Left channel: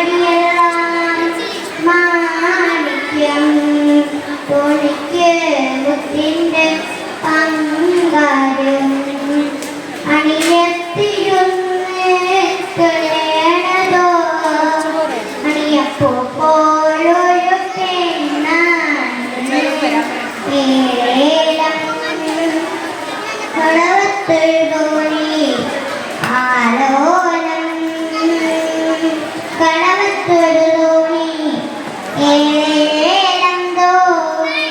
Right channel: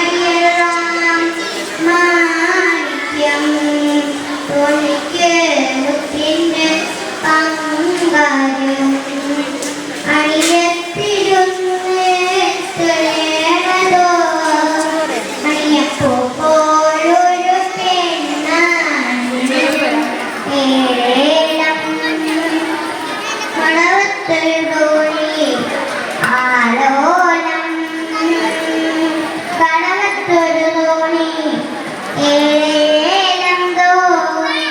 കടിയെല്ലാം മാണിക്യം തോണിക്ക് മുത്തിന്റെ പങ്കാരും അണിയത്തിരുന്ന് തൊഴേണതോ അണിയപ്പോ പോലൊരു പെണ്ണാണ് ഏഴേലം കടവത്തൊഴുതോണി ആലോലം കടവത്തൊരു തോണി ഏഴേലം തോണി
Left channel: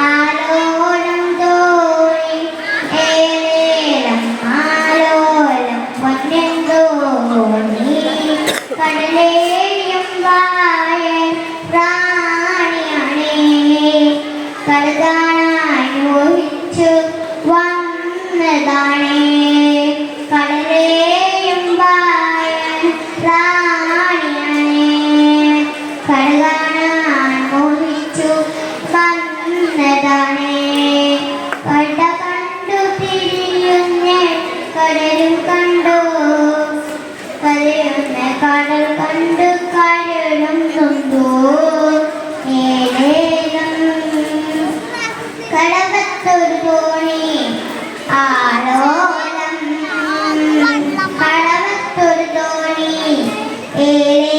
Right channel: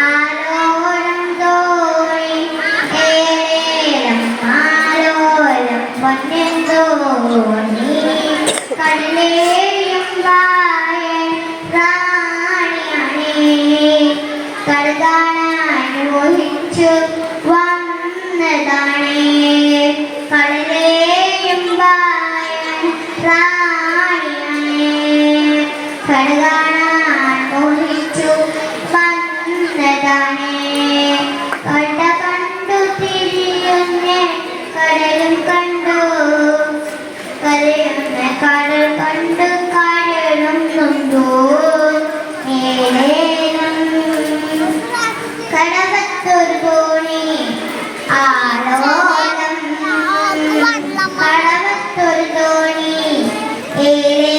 ആലോലം തോണി ഏഴേലം ആലോലം പൊന്നൻ തോണി കടലേയും വായ റാണിയാണേ കടതാനാൻ മോഹിച്ചു വന്നതാണേ കടലേയും വായ റാണിയാണേ കടകാണാൻ മോഹിച്ചു വന്നതാണേ കട കണ്ടു തിരിയുന്ന കടലും കണ്ടു കരയുന്ന കടൽ കണ്ടു കരളും കൊണ്ടു ഏലേലം കടവത്തൊരു തോണി ആലോലം കടവത്തൊരു തോണി ഏലേ